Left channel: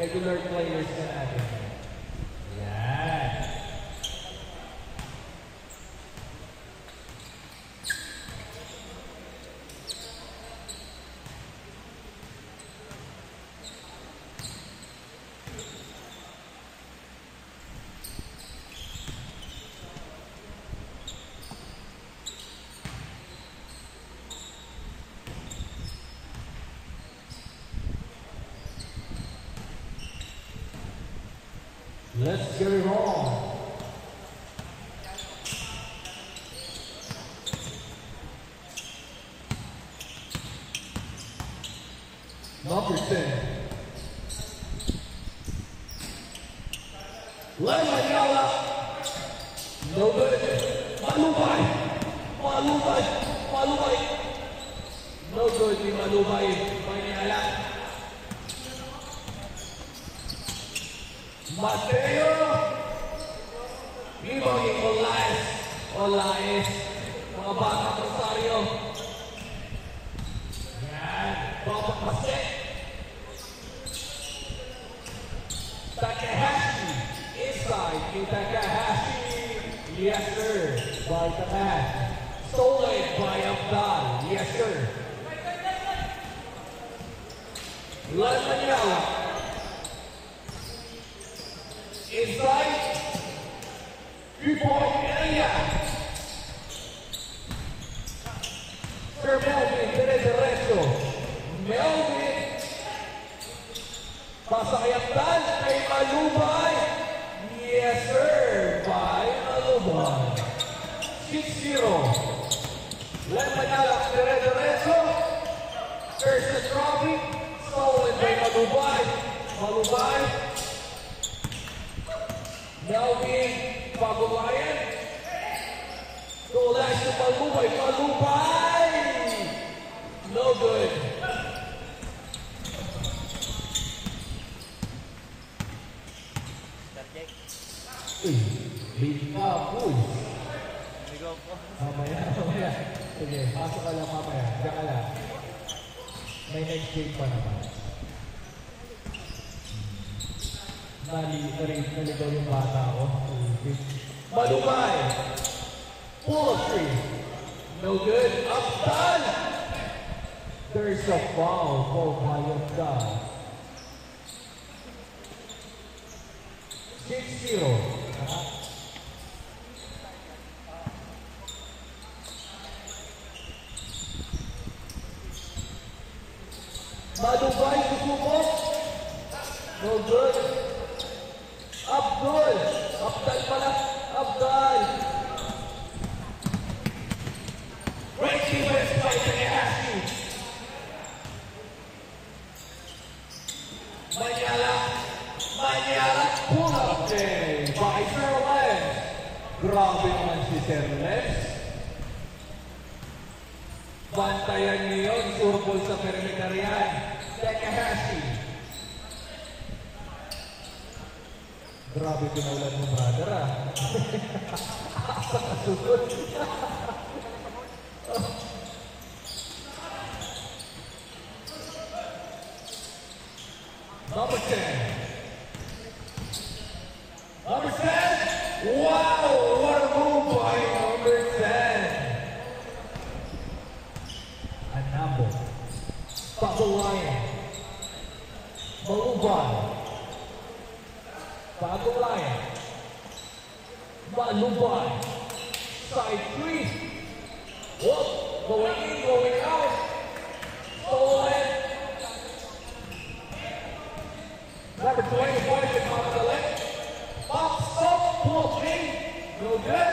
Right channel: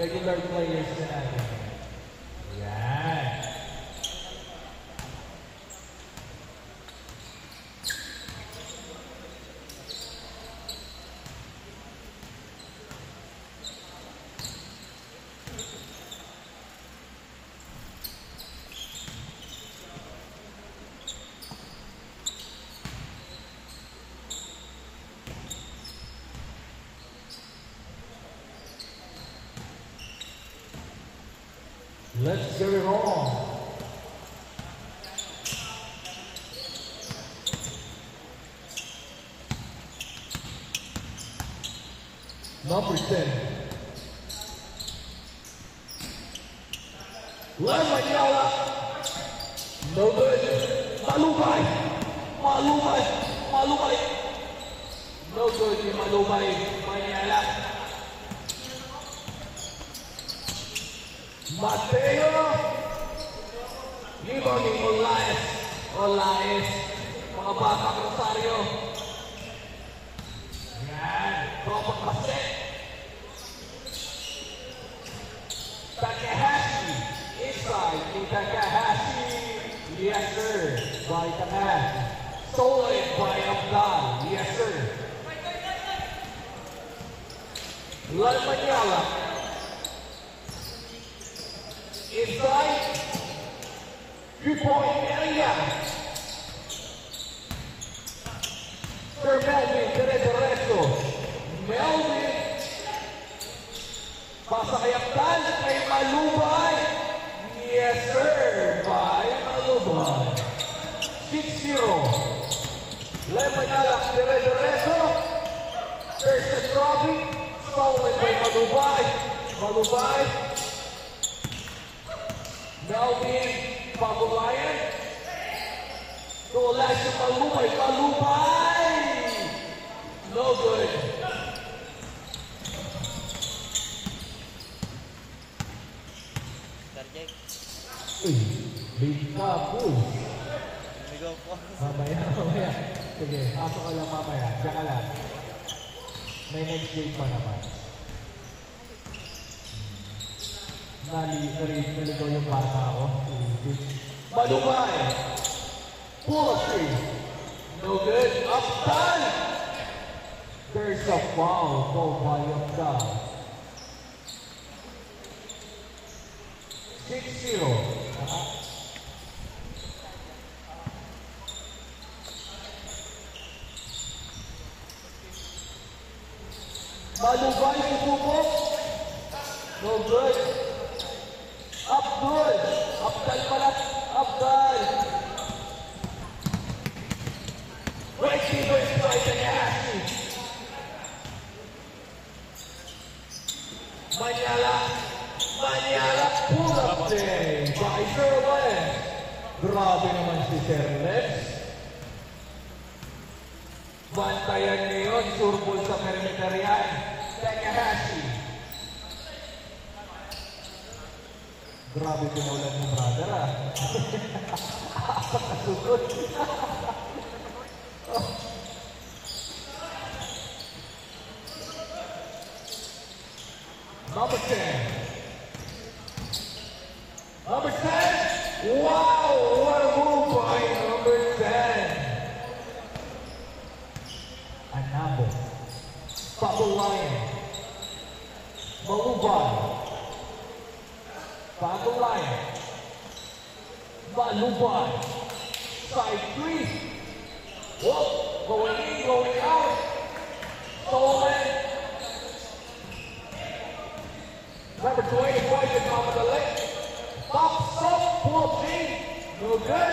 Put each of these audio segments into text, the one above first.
regular players na natin. Yan. Let's get it on. Number 10. Lemanyala. No good. Malubay. Malubay. Malubay. No good ni Malubay. Manyala. Mateo, Limon ni Olaes, mga bata Rosario. Yan, Papa Kaset. Takahashi, inside ni Takahashi. Yes sir, by Takahashi. Stolen by Abdal, yes sir. Lemanyala. Inside, 3-point area. Sir Melvin, Tereso. Melvin. Pasa kay Abdal, kay Malubay. Yes, sir. By Malubay. 6-0. Lemanyala, Tereso. Versus Robbie. Stolen by Malubay. Malubay. Melvin Pagulayan. Tulas yung Malubay. Malubay! No good. Uy, big ka, boy. Mamaya. Sige, pasok ka lang mamaya. Diyan ka lang. May next game pa naman. Naligaw yung bata ako. Malubay! Pull of 3. No good. Abdal! There's a foul called by Abdal. 6-0. Malubay susubok. No good. Abdal pala. Abdal. Great defense by Takahashi. Manyala. Pull up day by Sir Les. Grabe naman si Sir Les. Bantayan niyo yun. Surbol sa perimeter yan. Takahashi. Grabe pinaulan mo, brother, ah. Asa kasunod. Number 10. Number 10. Wow, what a move by number 10. Anabo. Pagulayan. Malubay. Pagulayan. Malubay. Side 3. Whoop. Going in, going out. Stolen. Number 24, Mamadalek. Box up, pull up in. No good.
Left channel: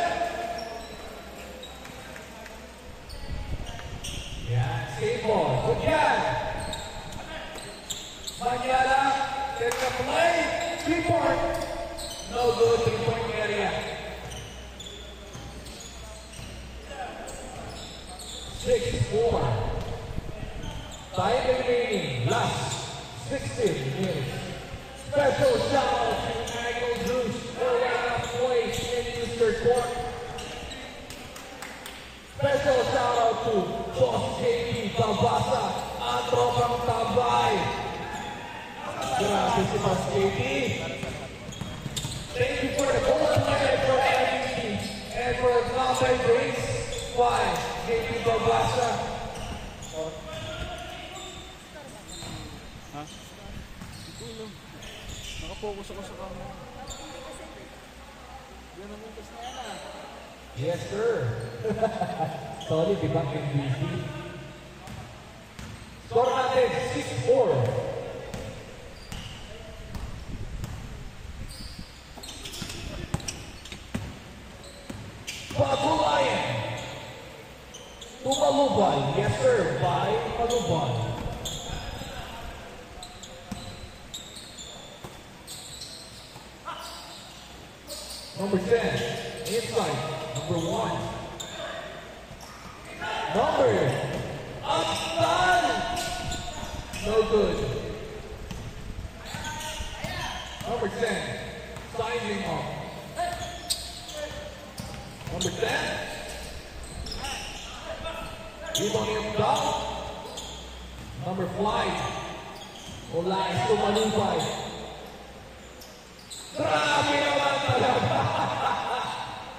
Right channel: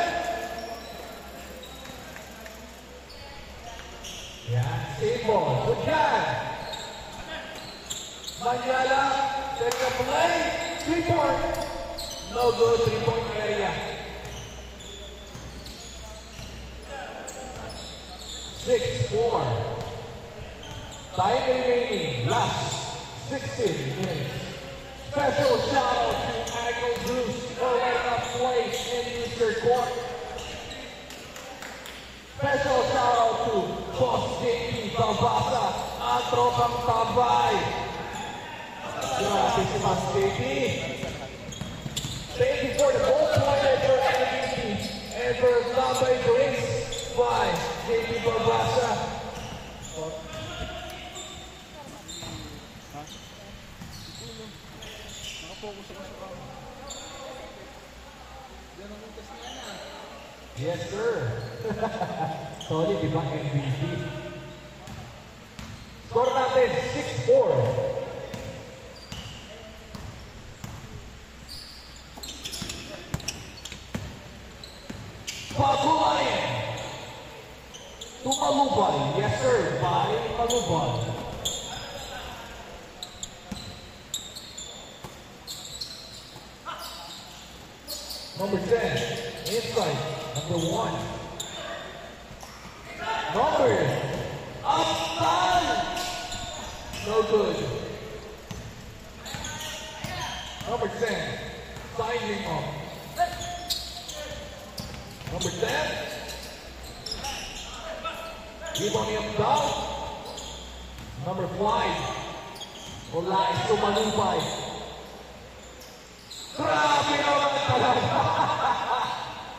Yeah, skateboard. Good guy. Manyala. Get the play. 3-point. No good. 3-point area. 6-4. Time remaining. Last 16 minutes. Special shout out to Agno Zeus for letting us play in Eastern Court. Special shout out to Boss JP Tabasa, ang tropang tambay. Grabe si Mas KD. Thank you for the goal point for MVP. And for Mabay Grace by JP Babasa. Nakapokus ako sa kanya. Yan ang muntas na yan ah. Yes, sir. Sorry, di ba MVP? Score natin, 6-4. Pagulayan. Tumalubay. Yes, sir. By Malubay. Number 10. Inside. Number 1. Number. Upside. No good. Number 10. Signing off. Number 10. Rebounding up down. Number 5. Wala ito Malubay. Grabe naman talaga.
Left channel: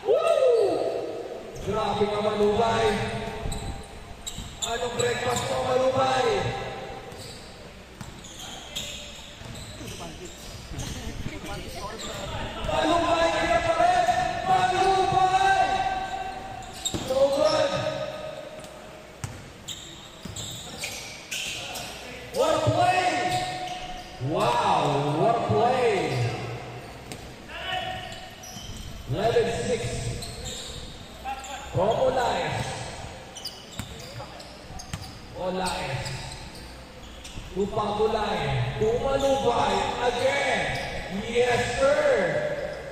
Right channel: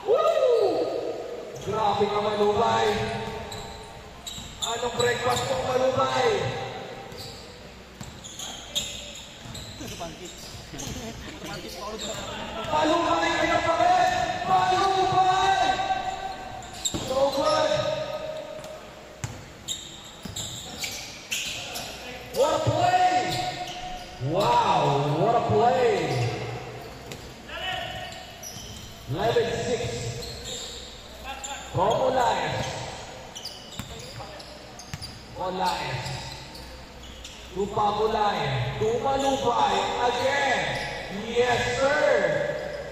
Woo! Grabe ka Malubay. Anong breakfast mo Malubay? Malubay ka pa rin! Malubay! So good! What a play! Wow, what a play! 11-6 from Olaez. Olaez. To Pagulayan. To Malubay again. Yes, sir.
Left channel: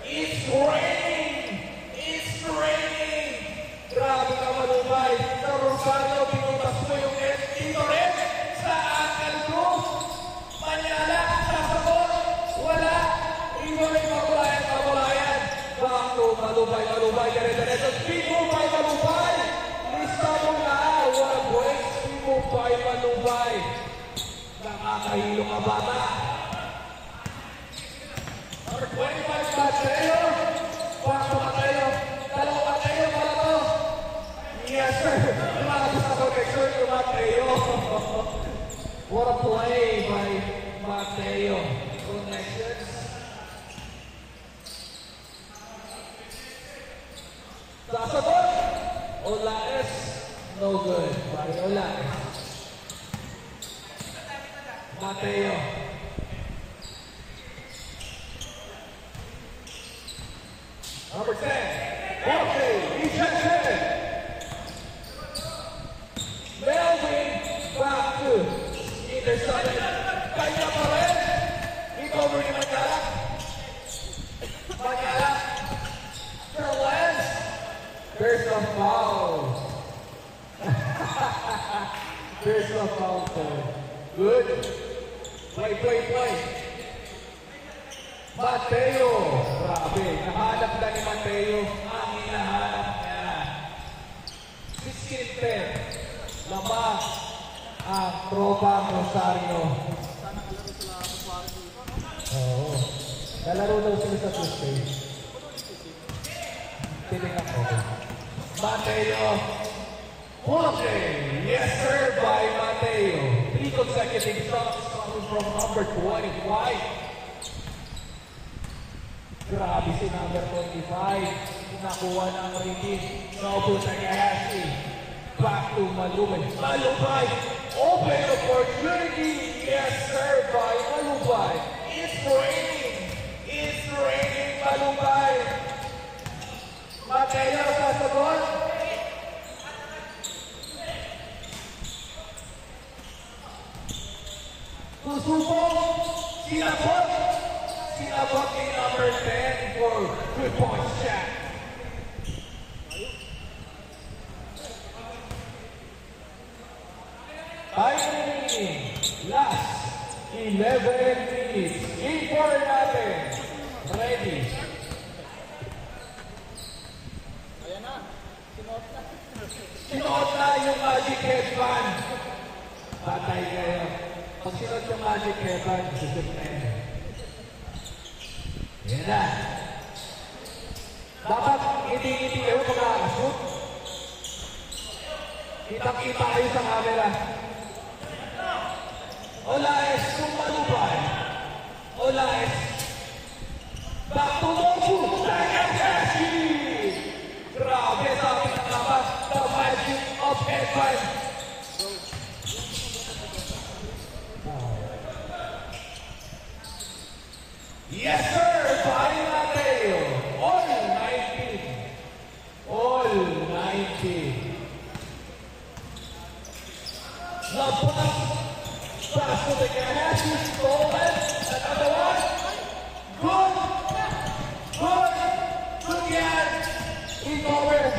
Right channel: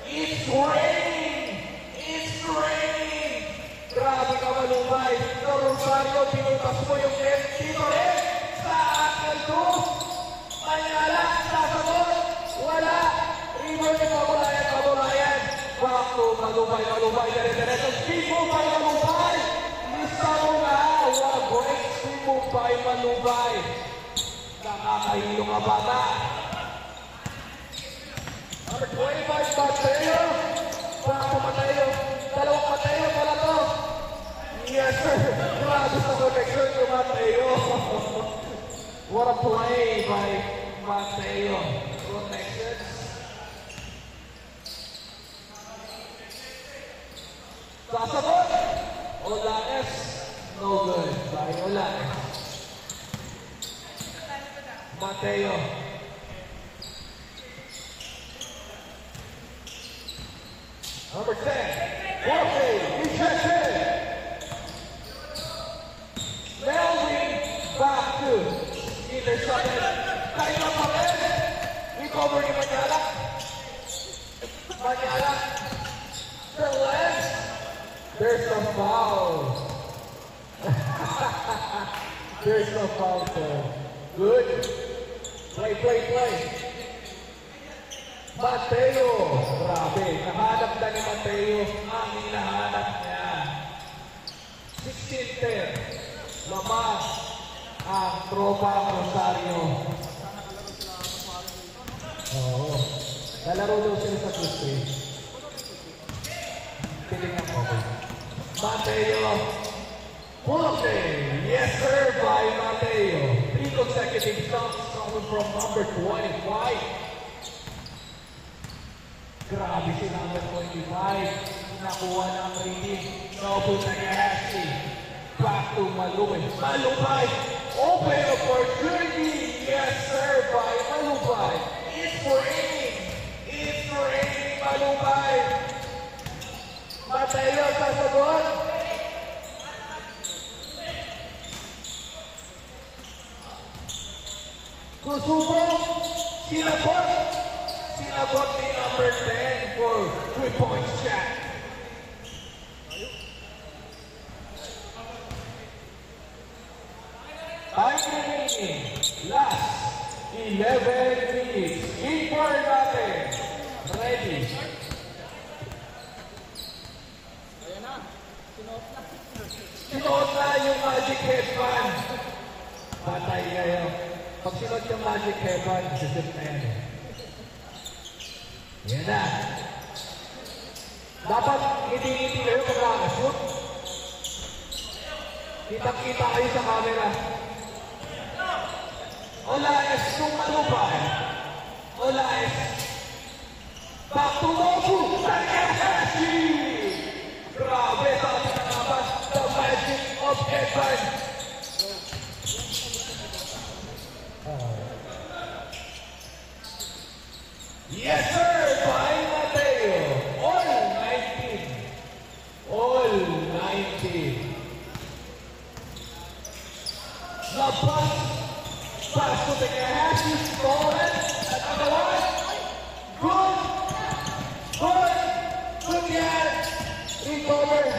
It's raining. It's raining. Grabe ka Malubay. Sa Rosario, pinutas mo yung dito rin. Sa akin ko. Manyala, sasagot. Wala. Iwalay Pagulayan, Pagulayan. Back to Malubay, Malubay. Dire-diretso. Speed move by Malubay. Lista mo na. What a great speed move by Malubay. Nakakahilo ka bata. Number 25, Mateo. Back to Mateo. Dalawang Mateo pala to. Yes, sir. Grabe sa connection yung Mateo. What a play by Mateo. Connections. Sasagot. Olaez. No good. By Olaez. Mateo. Number 10. Jorge. Ejected. Melvin. Back to intercepted. Kaya pa rin. Recover ni Manyala. Manyala. Sterling. There's a foul. There's a foul there. Good. Play. Mateo. Grabe. Nahanap na ni Mateo ang hinahanap niya. 16-10. Lamas ang tropa Rosario. Oo. Lalaro daw sila sa Tuesday. Piling ako. Mateo. Jorge. Yes, sir, by Mateo. 3 consecutive shots coming from number 25. Grabe si number 25. Nakuha na ang rating. Nobu Nagahashi. Back to Malubay. Malubay. Open opportunity. Yes, sir, by Malubay. It's raining. It's raining, Malubay. Mateo, sasagot. Susubok. Sinabot. Sinabot ni number 10 for 3-point shot. Time remaining. Last 11 minutes. Keeper natin. Ready. Ayan na. Sinuot na yung Magic Headband. Patay kayo. Pag sinod yung magic weapon, sisip na yan. Yan na. Dapat ngiti-ngiti kayo pag nakakashoot. Kitang-kita kayo sa camera. Olaes, tumalubay. Olaes. Back to Nobu. Takahashi! Grabe sa pinaglaban. The magic of heaven. Yes, sir! Brian Mateo. All 19. All 19. Labas. Pass to Takahashi. Stolen. Another one. Good. Good. Good yan. Recover.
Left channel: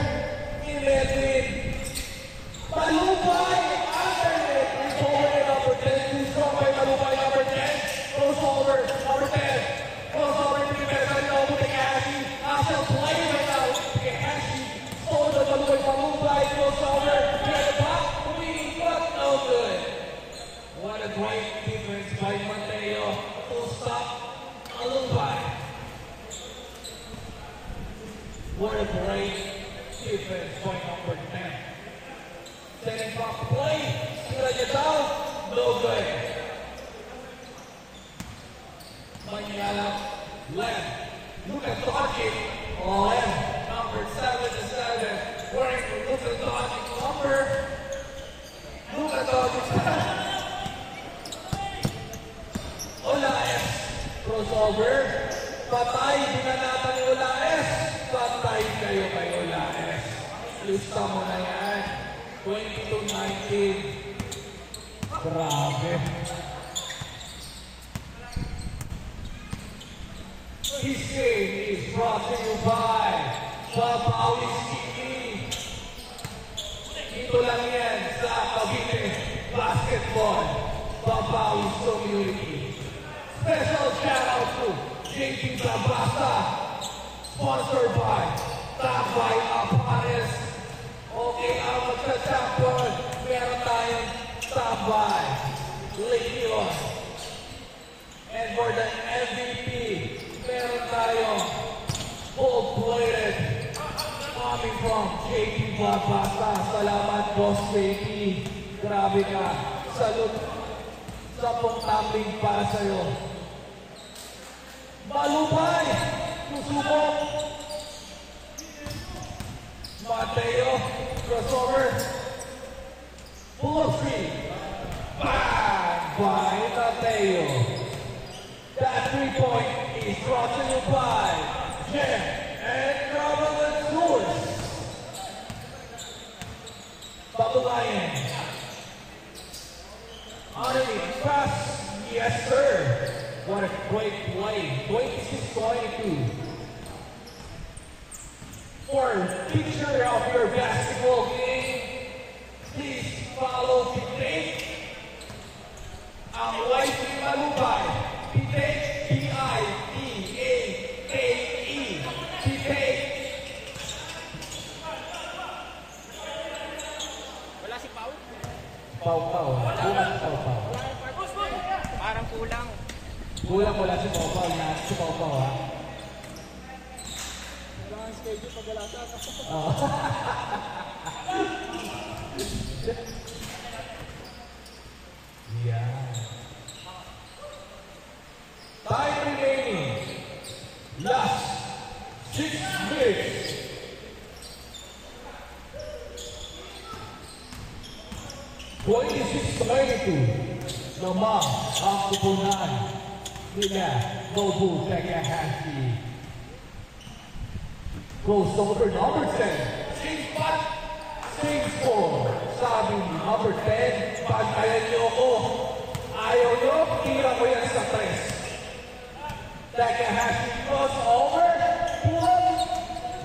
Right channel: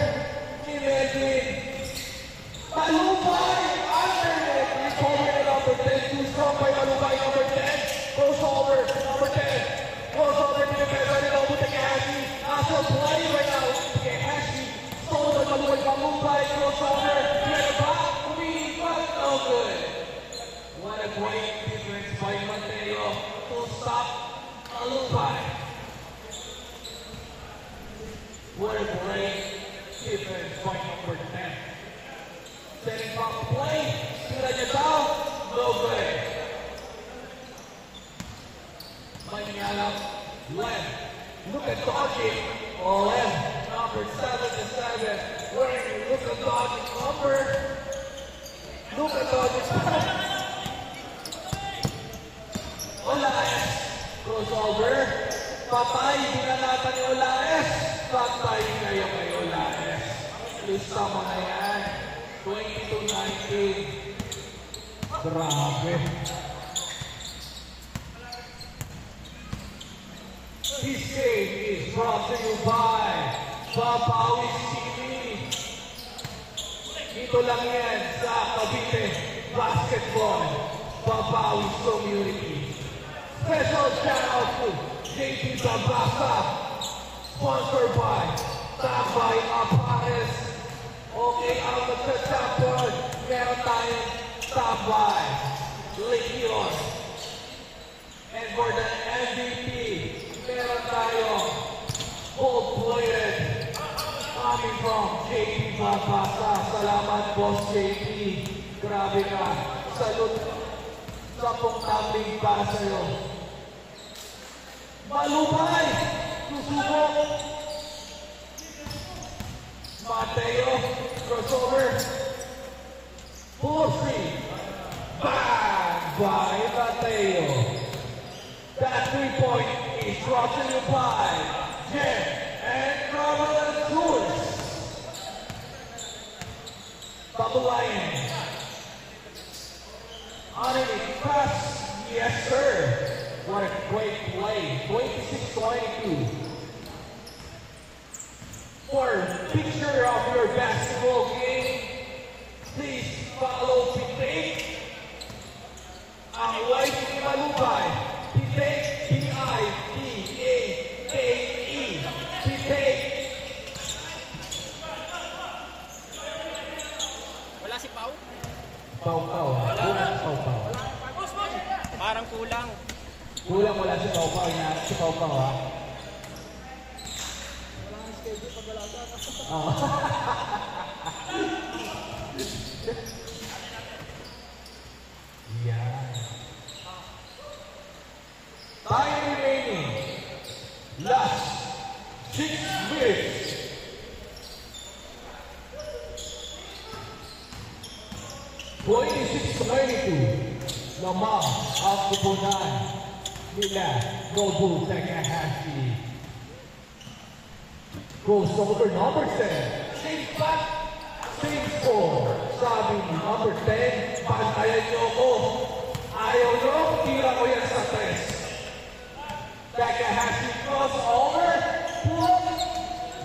Ni Medlin. Malupay. Alternate. Recover na number 10. Too strong by Malupay. Number 10. Crossover. Number 10. Crossover. Pinipesa ni Nobu Takahashi. After play right now. Takahashi. Stolen. Malupay. Crossover. Get the back. Umiikot. No good. What a great defense by Mateo to stop Malupay. What a great defense by number 10. Setting back play. Sira niya down. No good. Manyala left. Look at dodging. Oh, left. Number 7-7. Where look at dodging number. Look at dodging. Olaes. Crossover. Patay. Binanata ni Olaes. Patay kayo kay Olaes. Lista mo na yan. 22-19. Grabe. This game is brought to you by Papawis TV. Dito lang yan sa Cavite Basketball Papawis Community. Special shout out to JP Zabasa. Sponsored by Tambay Apanes. Okay, ang magsa-champion. Meron tayong Tambay Legion. And for the MVP, meron tayong gold-plated coming from JP Zabasa. Salamat, Boss JP. Grabe ka. Salute sa pong tumbling para sa'yo. Malupay! Susubok! Mateo, crossover. Pull three. Bang! By Mateo. That 3-point is brought to you by Jem and Travel and Tours. Babalayan. Underneath pass. Yes, sir. What a great play. 26-22. For a picture of your basketball game, please follow Pipake. Ang white ni Malupay. Pipake, P-I-P-A-K-E. Pipake. Wala si Pau? Pau. Kulang si Pau. Parang kulang. Kulang wala si Pau. Si Pau ha. Wala ang schedule pag wala ka. Oh. Yan. Time remaining. Last 6 minutes. Lamang ang kupunan nila Nobu Takahashi. Goes over number 10. Same back, same score. Sabi ni number 10, pantayan niyo ako. Ayaw niyo, tira ko yan sa 3. Takahashi crossover. Pull up.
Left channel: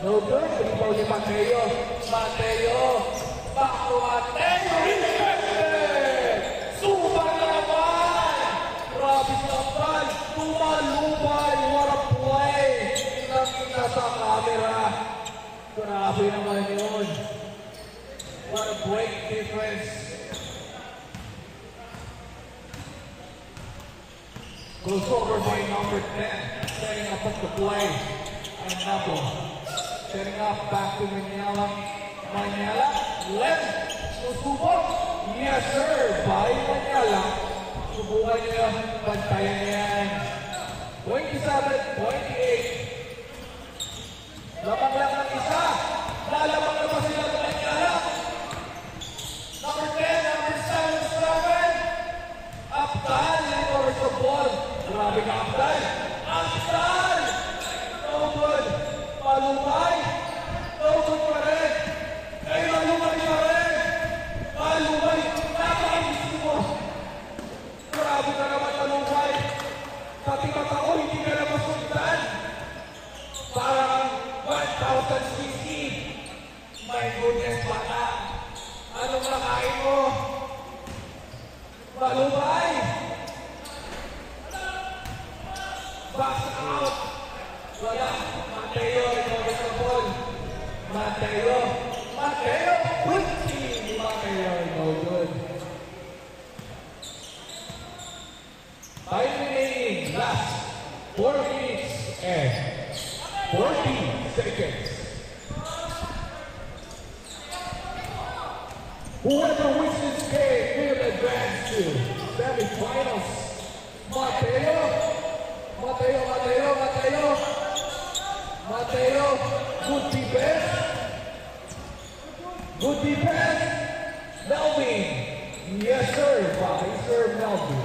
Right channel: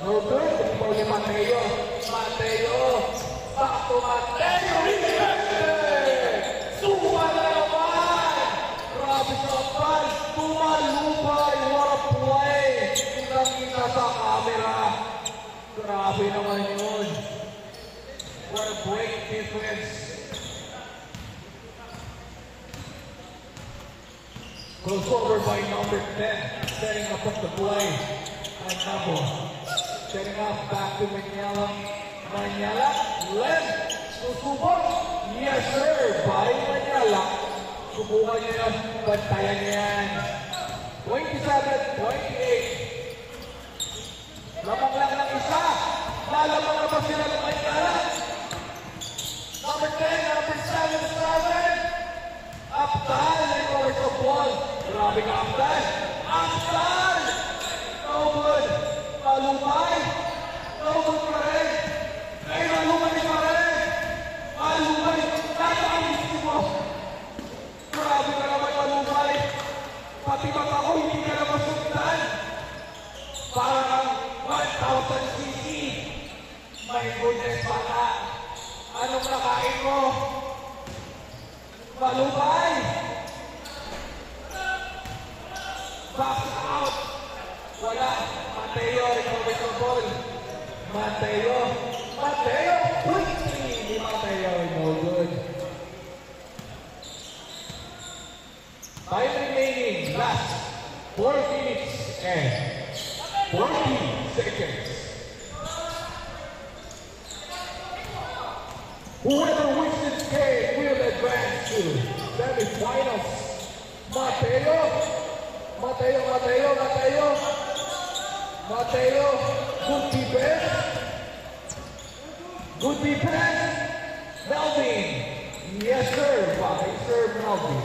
No good. Triple ni Mateo. Back to Mateo. Suba na naman. Grabe sa ball. Tumalupay. What a play. Kita sa camera. Grabe naman yun. What a great difference. Crossover by number 10. Setting up of the play. And Nabo. Setting up back to Manyala. Manyala. Left. Susubok. Yes, sir. By Manyala. Subukan niya yan. Bantayan niya yan. 27-28. Lamang lang ng isa. Lalamang na ba sila ng Manyala? Number 10, number 7. Abdal recovers the ball. Grabe ka, Abdal. Abdal! No good. Malumay. No good pa rin. Ay, malumay pa rin. Malumay. Napakamiski mo. Grabe ka naman, malumay. Pati mata ko, hindi ka na masundan. Parang 1,000 cc. My goodness, bata. Anong nakain mo? Malumay! Back out! Wala. Mateo, recovery the ball. Mateo! Mateo! Good team! Mateo, no good. Time remaining. Last 4 minutes and 40 seconds. Whoever wins this game will advance to semifinals. Mateo, Mateo, Mateo, Mateo, Mateo, good defense. Good defense. Melvin, yes sir, bye sir Melvin.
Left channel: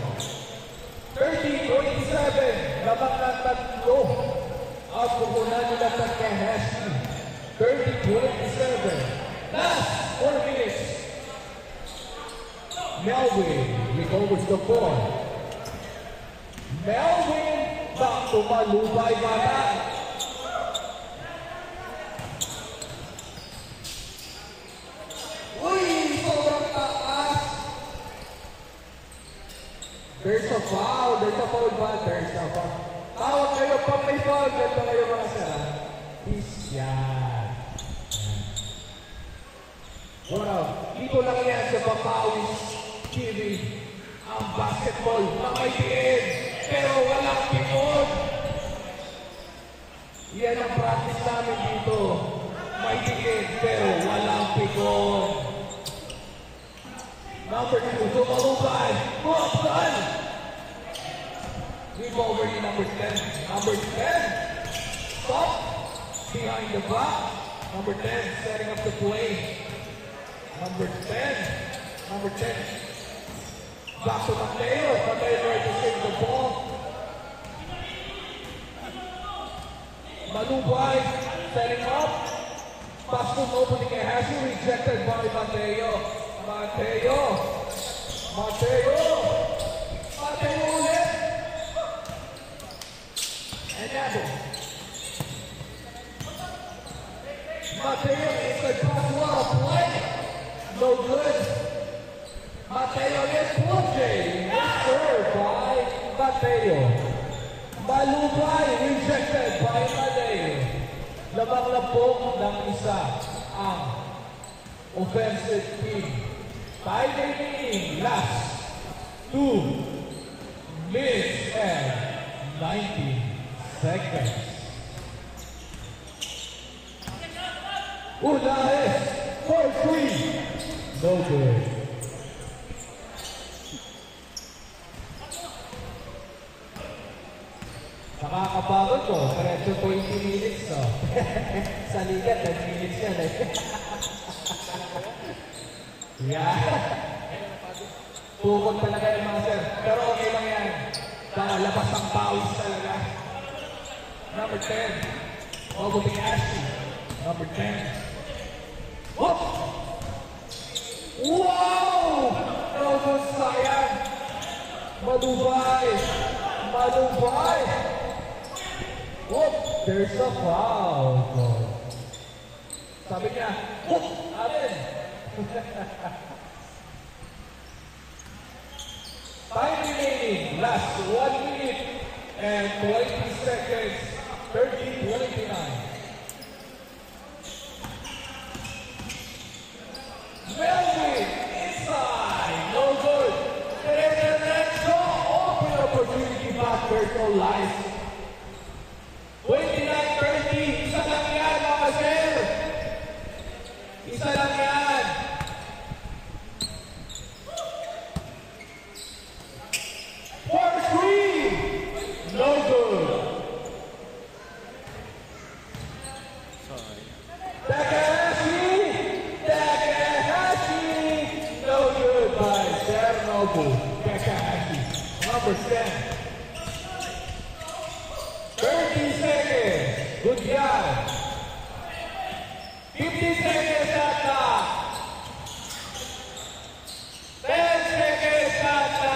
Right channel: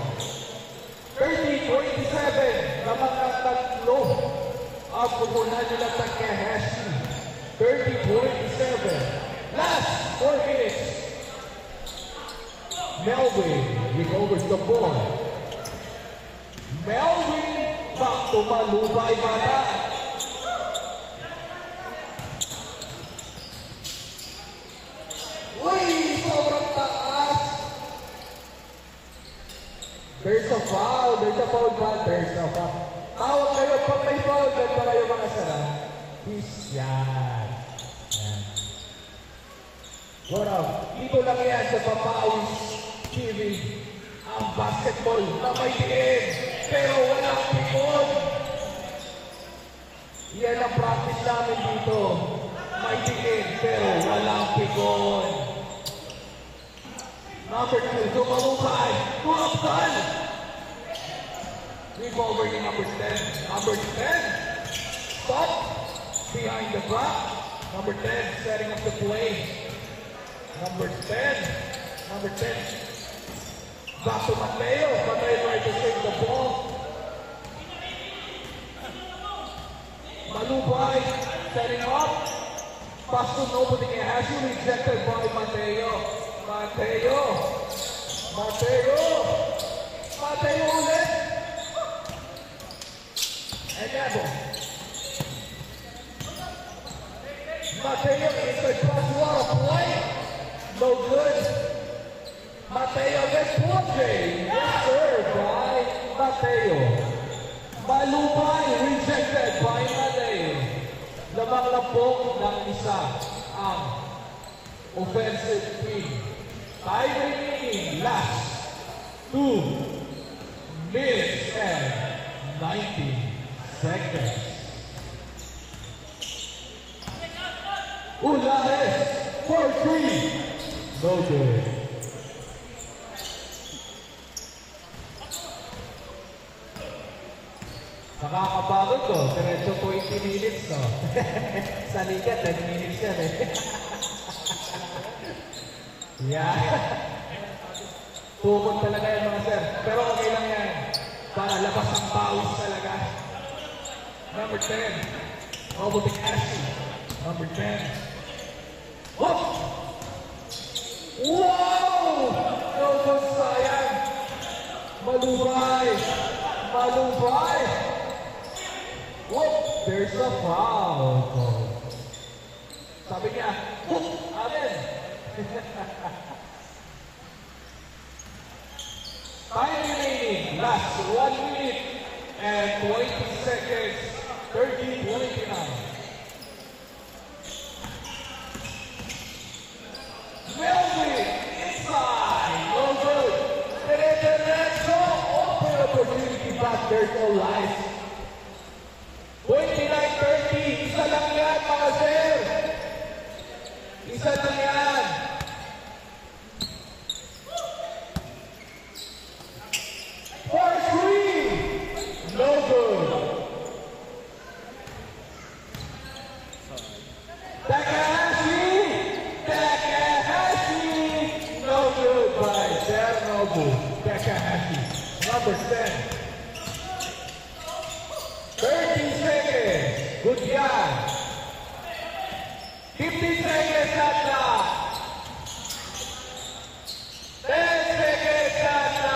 30-27, lamang na tatlo ang pupunan nila sa Kahashi. 30-27, last 4 minutes. Melvin recovers the ball. Melvin back to Malumay Bata. Uy, sobrang taas. There's a foul. There's a foul ba? There's a foul. Tawag kayo pag may foul. Ganda kayo mga sara. Peace yan. What up? Dito lang yan sa Papawis TV. Ang basketball na may diin, pero walang pikon. Yan ang practice namin dito. May diin, pero walang pikon. Number 2, Tumalubay. Tuapsan. Recover ni number 10. Number 10. Stop. Behind the back. Number 10, setting up the play. Number 10. Number 10. Back to Mateo. Mateo tries to save the ball. Malubay setting up. Pass to nobody. Has you rejected by Mateo. Mateo. Mateo. Mateo ulit. And Nabo. Mateo is a cross water play. No good. Mateo gets play. Yes, sir, by Mateo. Malubay, rejected by Mateo. Lamang na po ng isa ang offensive team. Time remaining, last 2 minutes and 90 seconds. Ulahes, 4-3. No good. Nakakapagod ko. Diretso 20 minutes, no? Sa liga, 10 minutes yan, eh. Yeah. Tukot talaga yung mga sir. Pero okay lang yan. Para labas ang pawis talaga. Number 10. Over to Ashley. Number 10. Whoop! Wow! Robot sayang. Malubay. Malubay. Whoop! There's a foul. Sabi niya, whoop! Amen. Time remaining. Last 1 minute and 20 seconds. 30-29. Melvin inside. No good. Diretso. Open opportunity back Circle Life. 29-30. Isa lang yan, mga sir. Isa lang yan. For three. No good. Takahashi. Takahashi. No good by Ternobu. Takahashi. Number 10. 30 seconds. Good guy. 15 seconds at the 10 seconds at the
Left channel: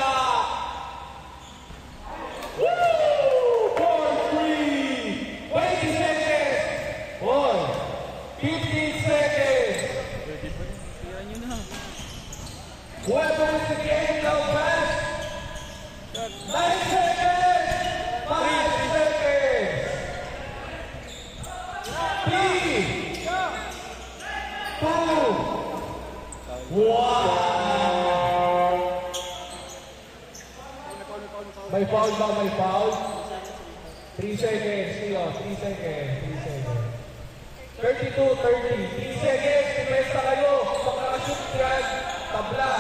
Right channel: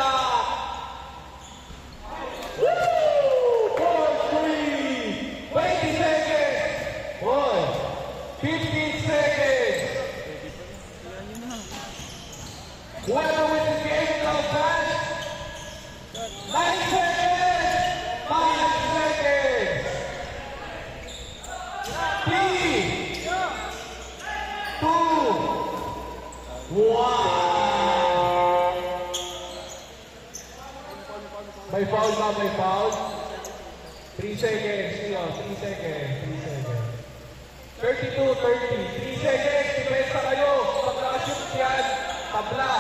woo! 4-3. 20 seconds. 1. 15 seconds. Whoever wins the game now pass. 9 seconds. 5 seconds. 3, 2, 1. May foul ba? May foul? 3 seconds. Siyo, 3 seconds. 3 seconds. 32, 30. 3 seconds. Defense na kayo. Pag nakashoot yan, tabla.